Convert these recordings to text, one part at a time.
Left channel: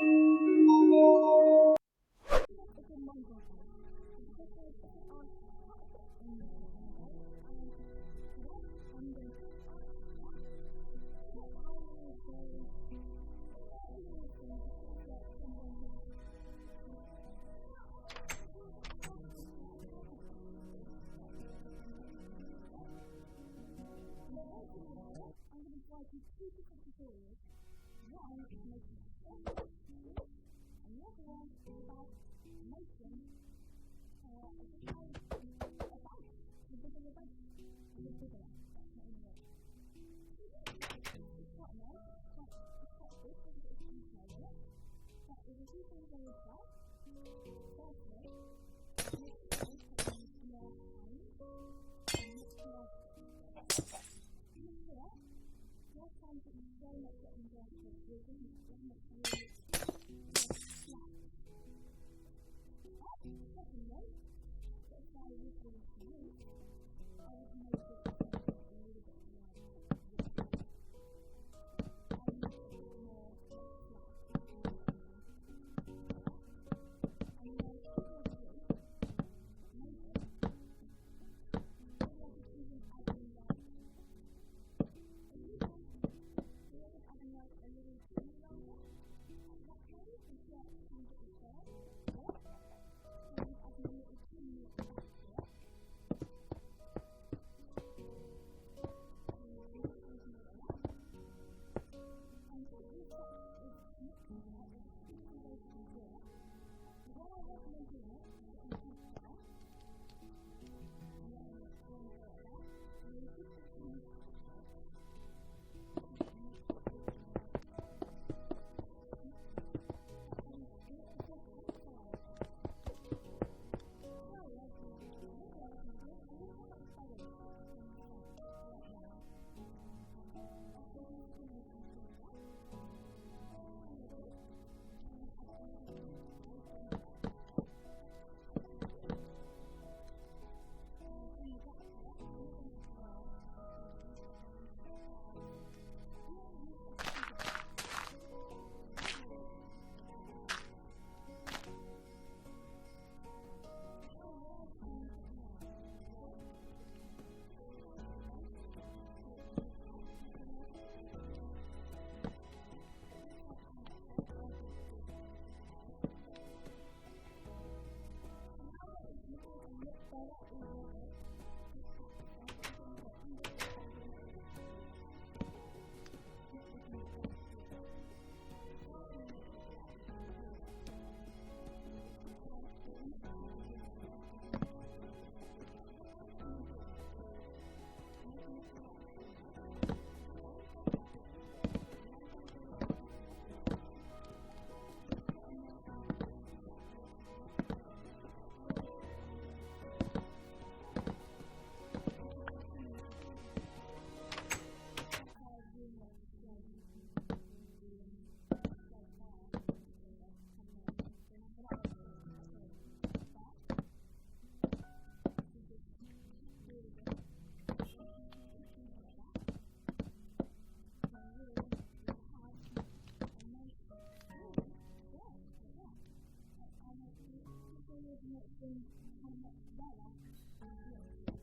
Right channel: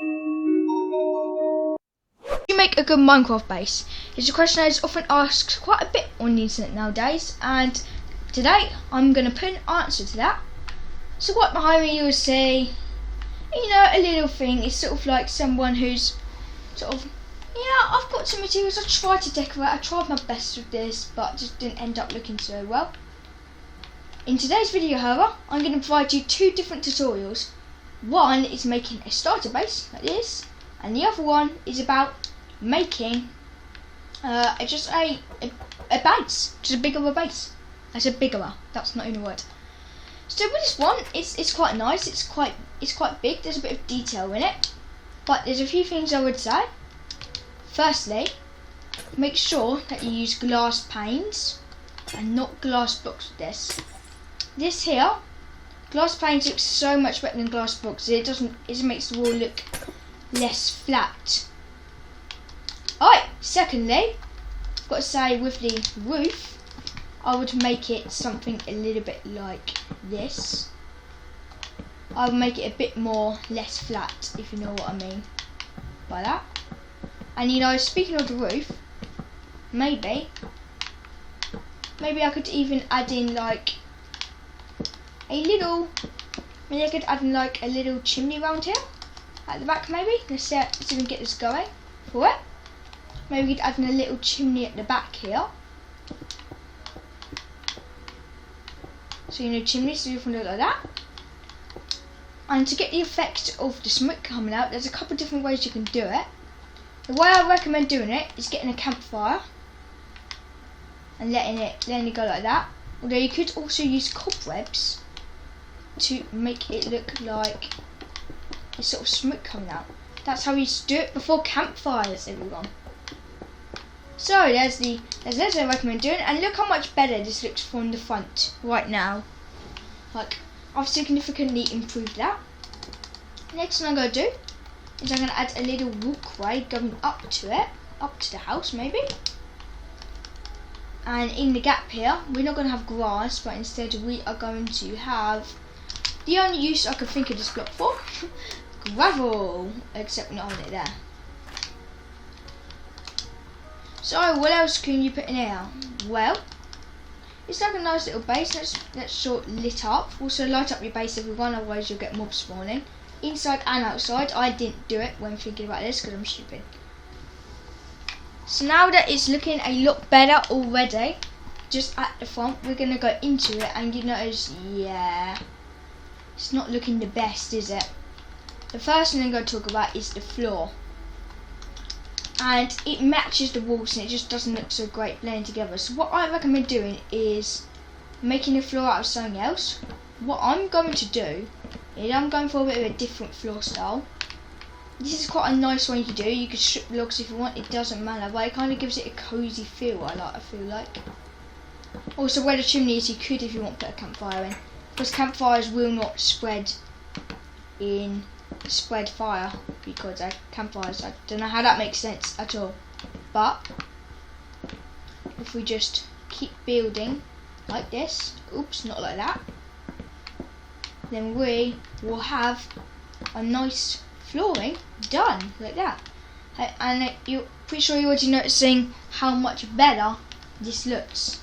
You make a good Minecraft base? It's a question that is often asked quite a bit on the internet nowadays, and today I'm going to put an answer to that. So what behind me you will see, a little thing. It's sort of like someone who's sort of, I've got some materials, I tried to decorate, I tried my best with this, but just didn't end up looking so well. In today's video, however, I'm going to provide you two different tutorials. One is making a starter base like this, and the other one is about making just a base, just a bigger base. I said bigger, that's not even a word. So with this one, it's quite nice, it's quite big, there's a bit of detail in it, but there's a few things I would say. Firstly, make sure that you use glass panes and not glass blocks with this. This here, glass panes looks so much better than glass blocks. It makes the wall look less flat. Alright, secondly, I've got to say with the roof, I would make it something a little bit like this. I would make it a bit more less flat, if you know what I mean by that. And speaking of the roof, maybe I could even add in like a little chimney around here at the back. Maybe let's even get this going for it. Maybe we could add in a little chimney at the back here. So chimney, so you can look like that. And to get the effect of the smoke coming out, there's a couple of different ways you can do it. The way I recommend doing it is getting a campfire and letting it go like that. Although you could also use cobwebs to make it look like a sort of smoke coming out. That's how we used to do it before campfires, everyone. So there's what I recommend doing, and look how much better this looks from the front right now. Like, I've significantly improved that. Next thing I'm going to do is I'm going to add a little walkway going up to the house maybe. And in the gap here, we're not going to have grass, but instead we are going to have the only use I could think of this block for, gravel, except we're not having it there. So what else can you put in here? Well, it's like a nice little base. Let's sort lit up. Also light up your base, everyone, otherwise you'll get mobs spawning. Inside and outside. I didn't do it when thinking about this because I'm stupid. So now that it's looking a lot better already, just at the front, we're going to go into it and you notice, it's not looking the best, is it? The first thing I'm going to talk about is the floor. And it matches the walls and it just doesn't look so great blending together. So what I recommend doing is making the floor out of something else. What I'm going to do is I'm going for a bit of a different floor style. This is quite a nice one you can do. You can strip logs if you want, it doesn't matter, but it kind of gives it a cozy feel, I feel like. Also where the chimney is, you could, if you want, put a campfire in. Because campfires will not spread fire, because campfires, I don't know how that makes sense at all. But if we just keep building like this, oops, not like that, then we will have a nice flooring done like that. And you're pretty sure you're already noticing how much better this looks.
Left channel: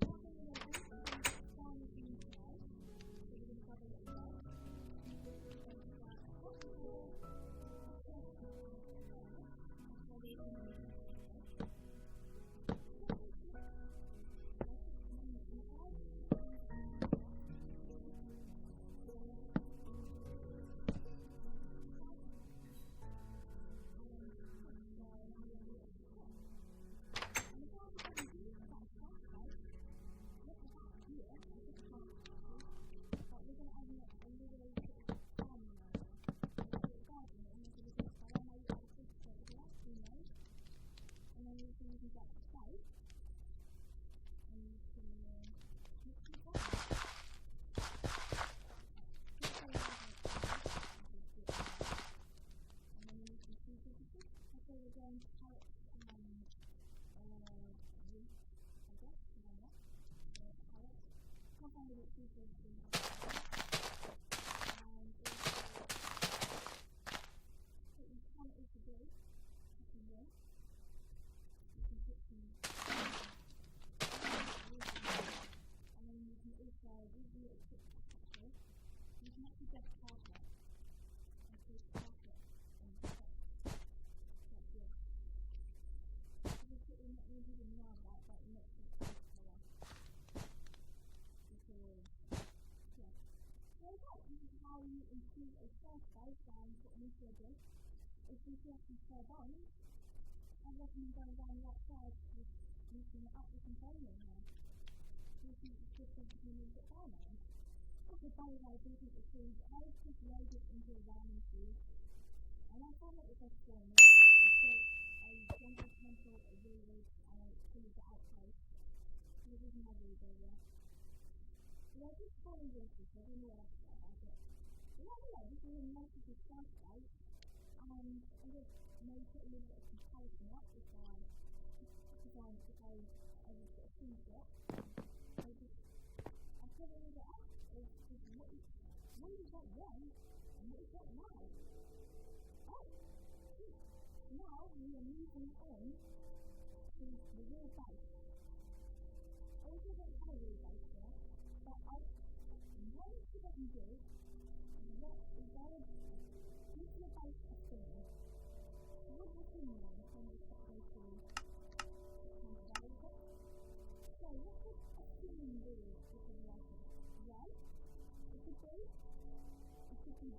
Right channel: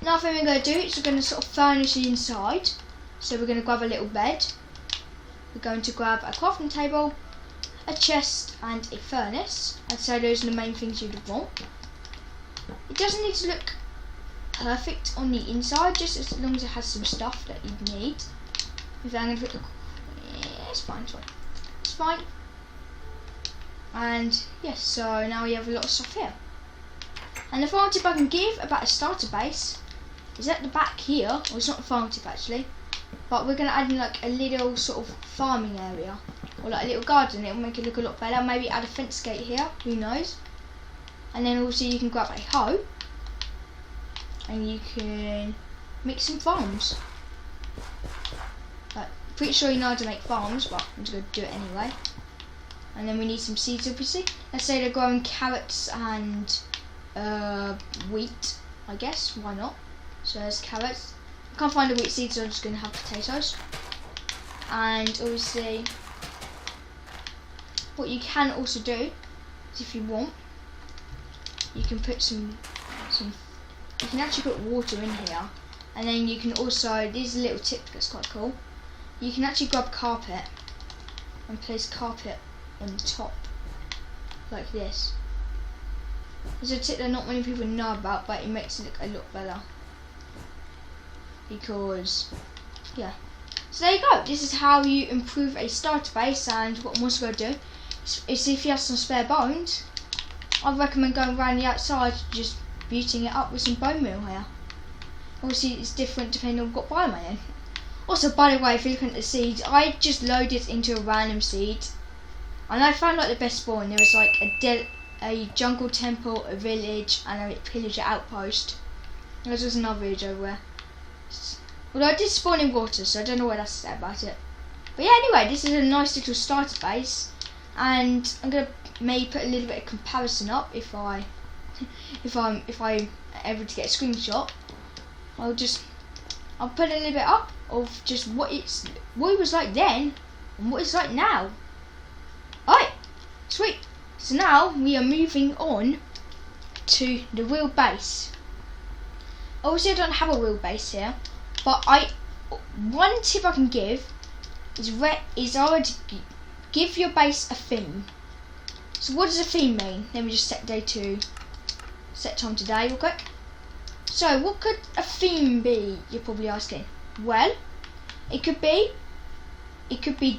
Another thing we're going to do is we're going to sort of furnish the inside. So we're going to grab a little bed. We're going to grab a crafting table, a chest and a furnace. And so those are the main things you'd want. It doesn't need to look perfect on the inside, just as long as it has some stuff that you need. If I'm going to put the... it's fine. And yes, so now we have a lot of stuff here. And the final tip I can give about a starter base is at the back here, well it's not a farm tip actually, but we're going to add in like a little sort of farming area, or like a little garden. It'll make it look a lot better. Maybe add a fence gate here, who knows. And then also you can grab a hoe and you can make some farms. But pretty sure you know how to make farms, but I'm just going to do it anyway. And then we need some seeds, obviously. Let's say they're growing carrots and wheat, I guess, why not? So there's carrots. I can't find the wheat seeds, so I'm just going to have potatoes. And obviously what you can also do is, if you want, you can put some you can actually put water in here, and then you can also, this is a little tip that's quite cool, you can actually grab carpet and place carpet on the top like this. It's a tip that not many people know about, but it makes it look a lot better, because yeah. So there you go, this is how you improve a starter base. And what I'm also going to do is, if you have some spare bones, I'd recommend going around the outside, just beautying it up with some bone meal here. Obviously it's different depending on what biome I'm in. Also, by the way, if you're looking at the seeds, I just loaded into a random seed, and I found like the best spawn. There was like a jungle temple, a village, and a pillager outpost. There was another village over there. Although I did spawn in water, so I don't know what that's to say about it. But yeah, anyway, this is a nice little starter base, and I'm gonna maybe put a little bit of comparison up if I'm able to get a screenshot. I'll put a little bit up of just what it was like then and what it's like now. Alright, sweet. So now we are moving on to the real base. Obviously I don't have a real base here, but one tip I can give is I would give your base a theme. So what does a theme mean? Let me just set time to day real quick. So what could a theme be, you're probably asking? Well, it could be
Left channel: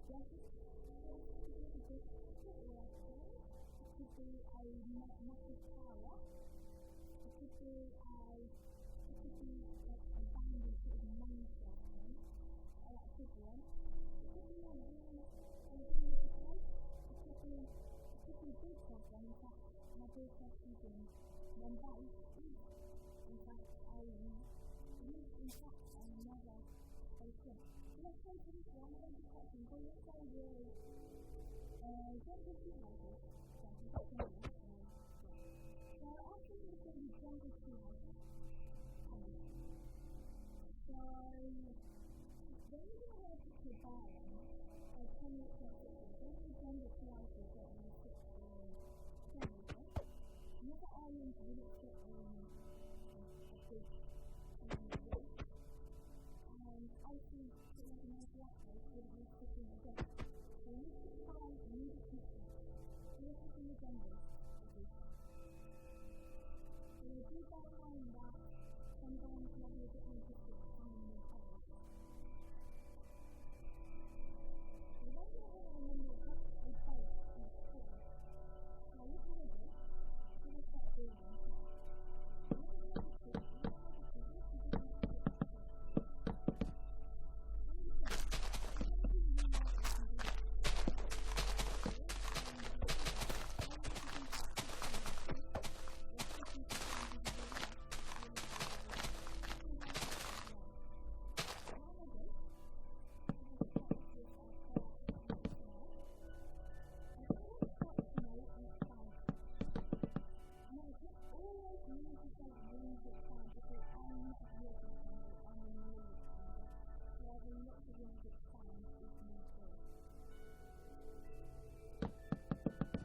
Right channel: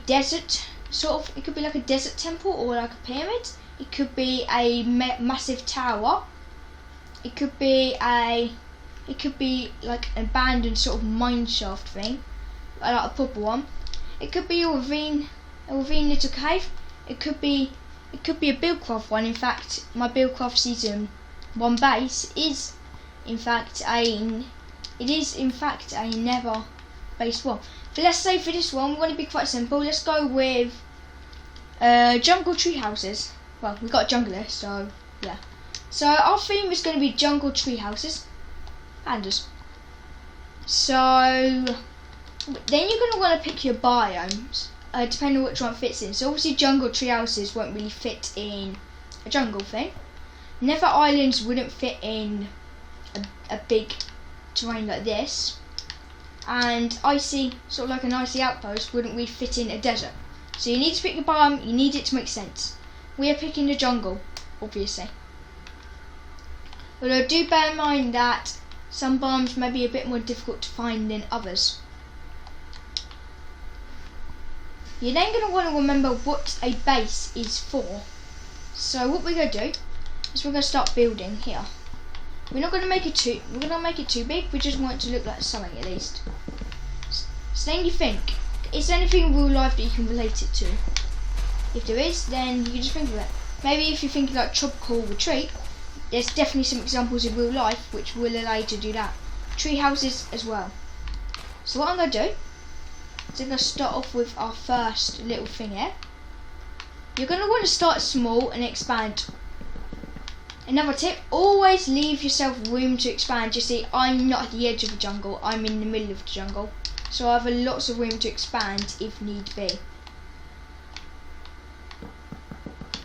desert, sort of. It could be like a desert temple or like a pyramid. It could be a massive tower. It could be like an abandoned sort of mine shaft thing, like a proper one. It could be a ravine little cave. It could be a Buildcraft one. In fact, my Buildcraft season 1 base is in fact a Nether base one. But let's say for this one, we're going to be quite simple. Let's go with jungle tree houses. Well, we've got a jungle here, so yeah. So our theme is going to be jungle tree houses. Pandas. So then you're going to want to pick your biomes, depending on which one fits in. So obviously jungle tree houses won't really fit in a jungle thing. Nether islands wouldn't fit in a big terrain like this, and icy, sort of like an icy outpost, wouldn't really fit in a desert. So you need to pick your biome, you need it to make sense. We are picking the jungle, obviously. Although do bear in mind that some biomes may be a bit more difficult to find than others. You're then going to want to remember what a base is for. So what we're going to do is we're going to start building here. We're not going to make it too big. We just want it to look like something at least. So then you think, is there anything in real life that you can relate it to? If there is, then you can just think of it. Maybe if you're thinking like tropical retreat, there's definitely some examples in real life which will allow you to do that. Tree houses as well. So what I'm going to do is I'm going to start off with our first little thing here. You're going to want to start small and expand. Another tip, always leave yourself room to expand. You see, I'm not at the edge of the jungle, I'm in the middle of the jungle. So I have lots of room to expand if need be.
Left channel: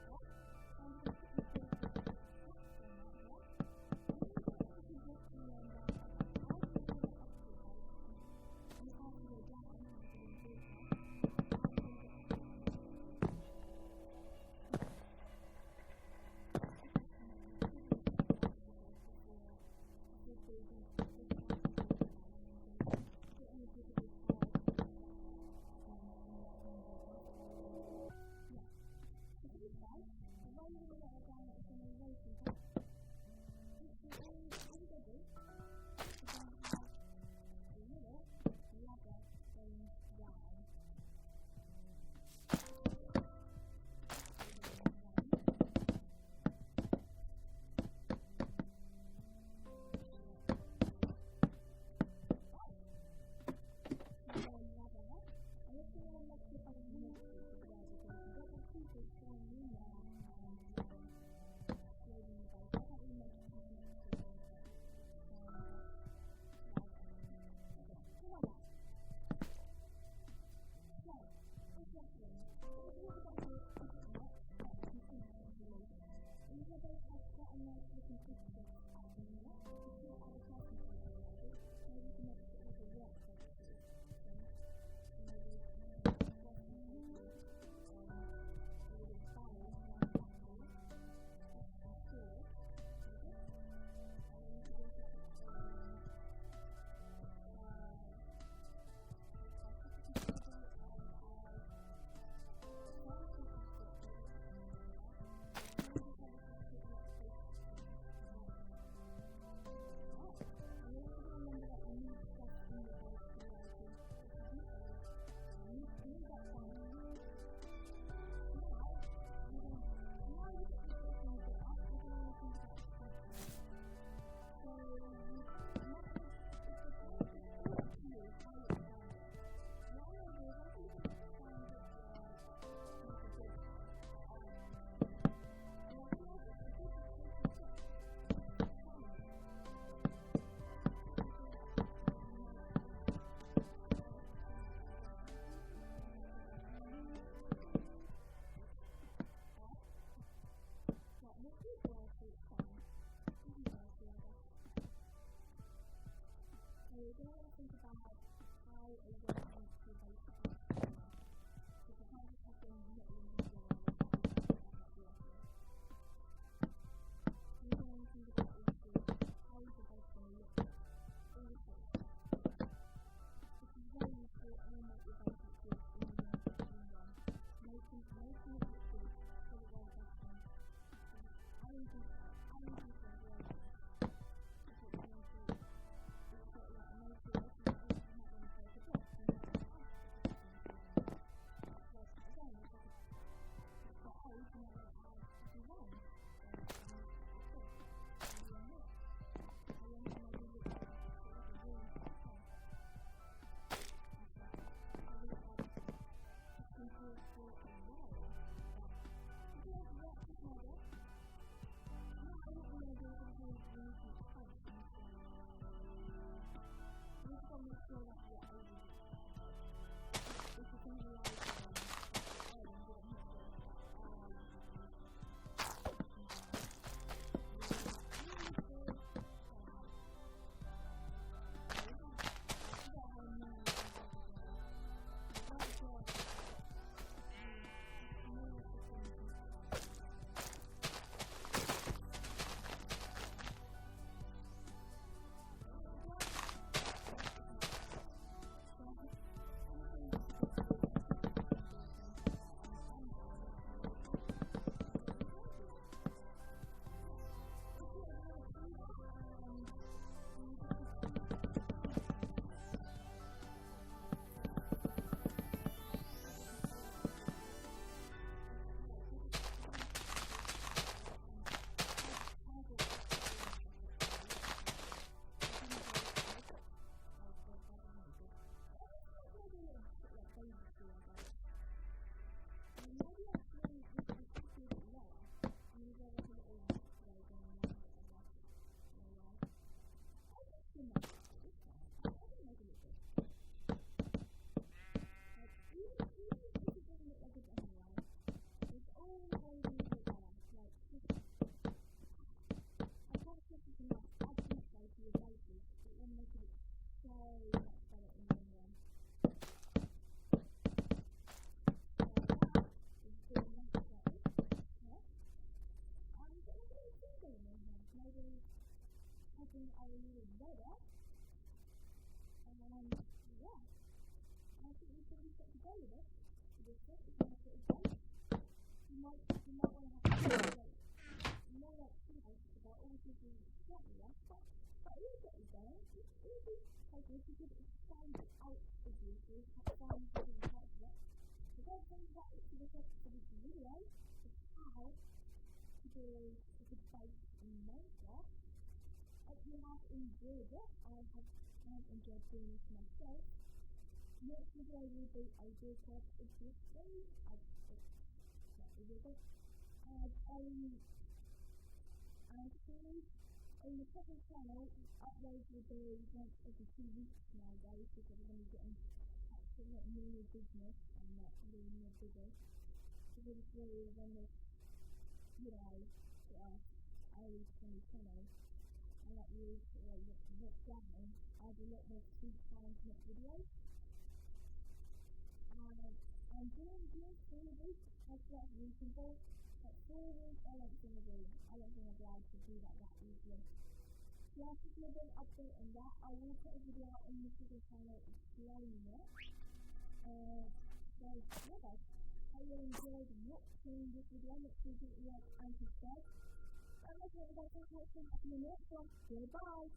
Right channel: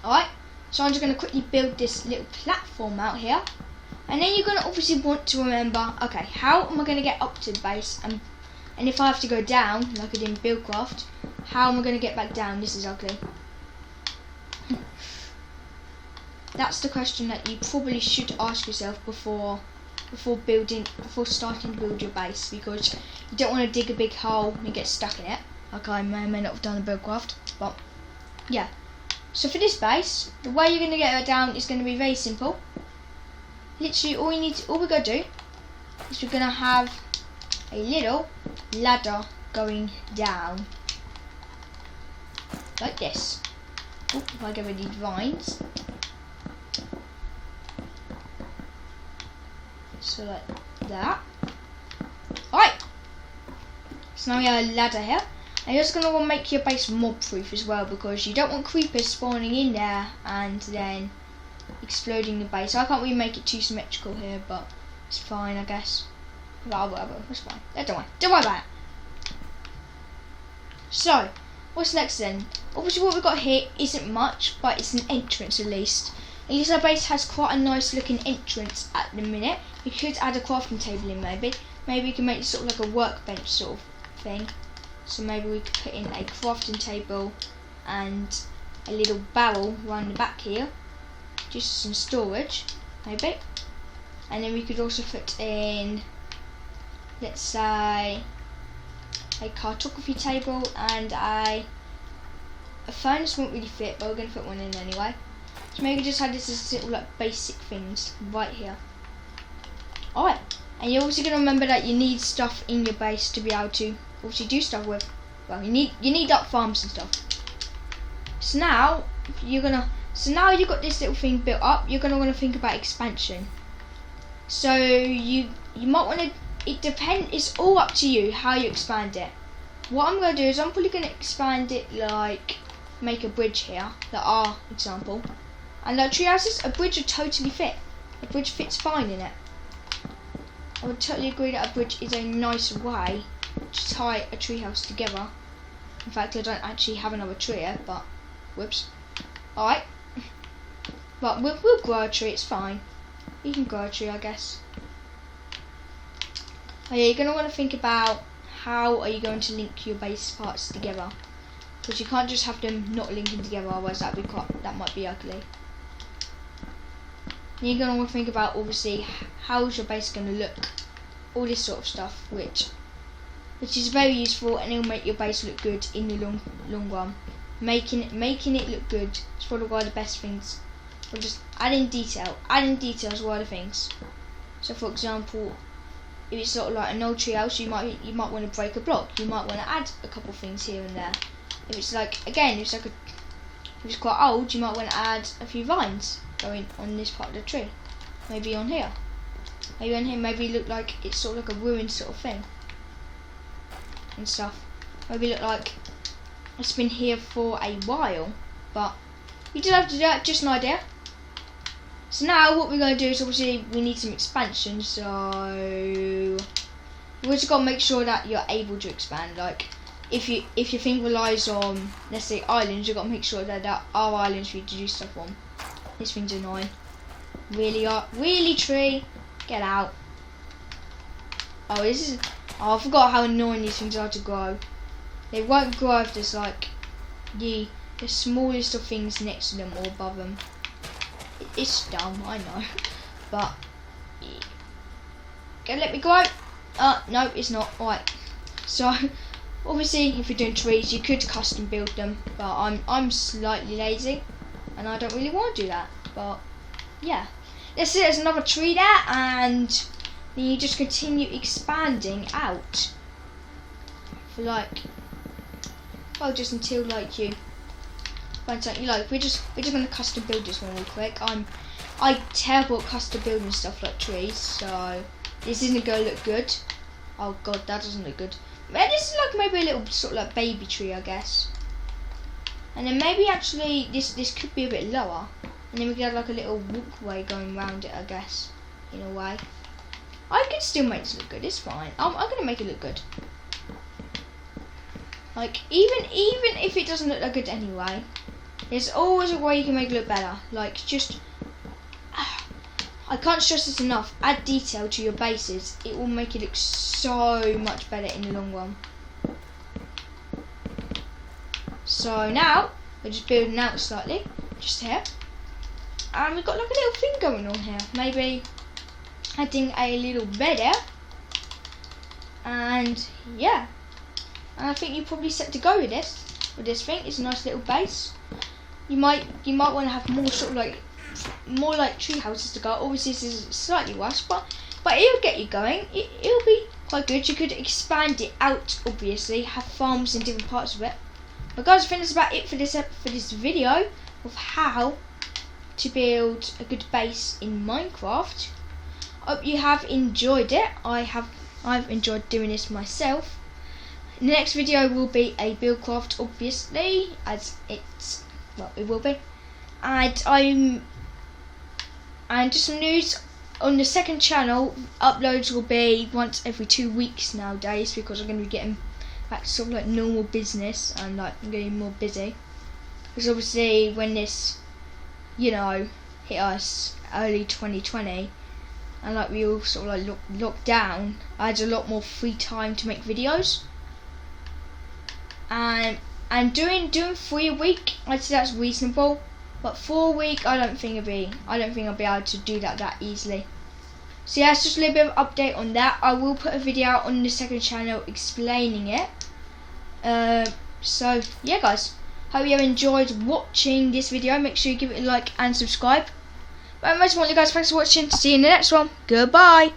Alright, so I'm just going to quickly build this little platform out here. And then you're going to obviously want to remember, okay, how am I going to get up to the base? And if I have to go down, like I did in Buildcraft, how am I going to get back down? This is ugly. That's the question that you probably should ask yourself before starting to build your base, because you don't want to dig a big hole and get stuck in it, like I may or may not have done in Buildcraft. But yeah, so for this base, the way you're going to get it down is going to be very simple. Literally all we're going to do is we're going to have a little ladder going down like this. Oh, if I get rid of these vines. So like that. Alright. So now we have a ladder here. And you're just going to want to make your base mob proof as well, because you don't want creepers spawning in there and then exploding the base. I can't really make it too symmetrical here, but it's fine, I guess. Well, whatever, it's fine. Don't worry about it. So, what's next then? Obviously what we've got here isn't much, but it's an entrance at least. At least our base has quite a nice looking entrance at the minute. We could add a crafting table in maybe. Maybe we can make it sort of like a workbench sort of thing. So maybe we could put in a crafting table and a little barrel around the back here. Just some storage, maybe. And then we could also put in, let's say, a cartography table and a furnace won't really fit, but we're going to put one in anyway. So maybe just have this as little like basic things right here. Alright, and you're also going to remember that you need stuff in your base to be able to obviously do stuff with. Well, you need up farms and stuff. So now you've got this little thing built up. You're going to want to think about expansion. So you might want to. It depends. It's all up to you how you expand it. What I'm going to do is I'm probably going to expand it like make a bridge here, like our example, and like tree houses. A bridge would totally fit. A bridge fits fine in it. I would totally agree that a bridge is a nice way to tie a tree house together. In fact, I don't actually have another tree here, but whoops. Alright, but we'll grow a tree. It's fine. You can grow a tree, I guess. Oh yeah, you're going to want to think about how are you going to link your base parts together, because you can't just have them not linking together, otherwise that might be ugly. And you're going to want to think about obviously how's your base going to look, all this sort of stuff, which is very useful, and it'll make your base look good in the long run. Making it look good is probably one of the best things. Or just adding detail is one of the things. So for example, if it's sort of like an old tree house, you might want to break a block. You might want to add a couple things here and there. If it's like if it's quite old, you might want to add a few vines going on this part of the tree. Maybe on here. Maybe on here. Maybe look like it's sort of like a ruined sort of thing and stuff. Maybe look like it's been here for a while, but you don't have to do that. Just an idea. So now what we're going to do is obviously we need some expansion, so we've just got to make sure that you're able to expand. Like if your thing relies on, let's say, islands, you've got to make sure that there are islands for you to do stuff on. This thing's annoying. Really tree, get out. Oh, I forgot how annoying these things are to grow. They won't grow if there's like the smallest of things next to them or above them. It's dumb, I know, but okay, let me go. No, it's not. Alright, so obviously if you're doing trees, you could custom build them, but I'm slightly lazy and I don't really want to do that. But yeah, let's see, there's another tree there, and then you just continue expanding out for like, well, just until like you find something you like. We're just gonna custom build this one real quick. I'm terrible at custom building stuff like trees, so this isn't gonna look good. Oh god, that doesn't look good. Man, this is like maybe a little sort of like baby tree, I guess. And then maybe actually this could be a bit lower, and then we could have like a little walkway going around it, I guess, in a way. I can still make this look good. It's fine. I'm gonna make it look good. Like even if it doesn't look that good anyway, there's always a way you can make it look better. Like just, I can't stress this enough. Add detail to your bases. It will make it look so much better in the long run. So now we're just building out slightly, just here, and we've got like a little thing going on here. Maybe adding a little bed here, and yeah. And I think you're probably set to go with this. With this thing, it's a nice little base. You might want to have more like tree houses to go. Obviously, this is slightly worse, but it'll get you going. It'll be quite good. You could expand it out. Obviously, have farms in different parts of it. But guys, I think that's about it for this video of how to build a good base in Minecraft. Hope you have enjoyed it. I've enjoyed doing this myself. The next video will be a Buildcraft, obviously, as it will be. And just some news on the second channel. Uploads will be once every 2 weeks nowadays, because I'm going to be getting back to sort of like normal business, and like I'm getting more busy. Because obviously when this, you know, hit us early 2020, and like we all sort of like locked down, I had a lot more free time to make videos. And doing 3 a week, I'd say that's reasonable. But 4 a week, I don't think I'll be able to do that easily. So yeah, it's just a little bit of update on that. I will put a video out on the second channel explaining it. So yeah, guys, hope you have enjoyed watching this video. Make sure you give it a like and subscribe. But most importantly, guys, thanks for watching. See you in the next one. Goodbye.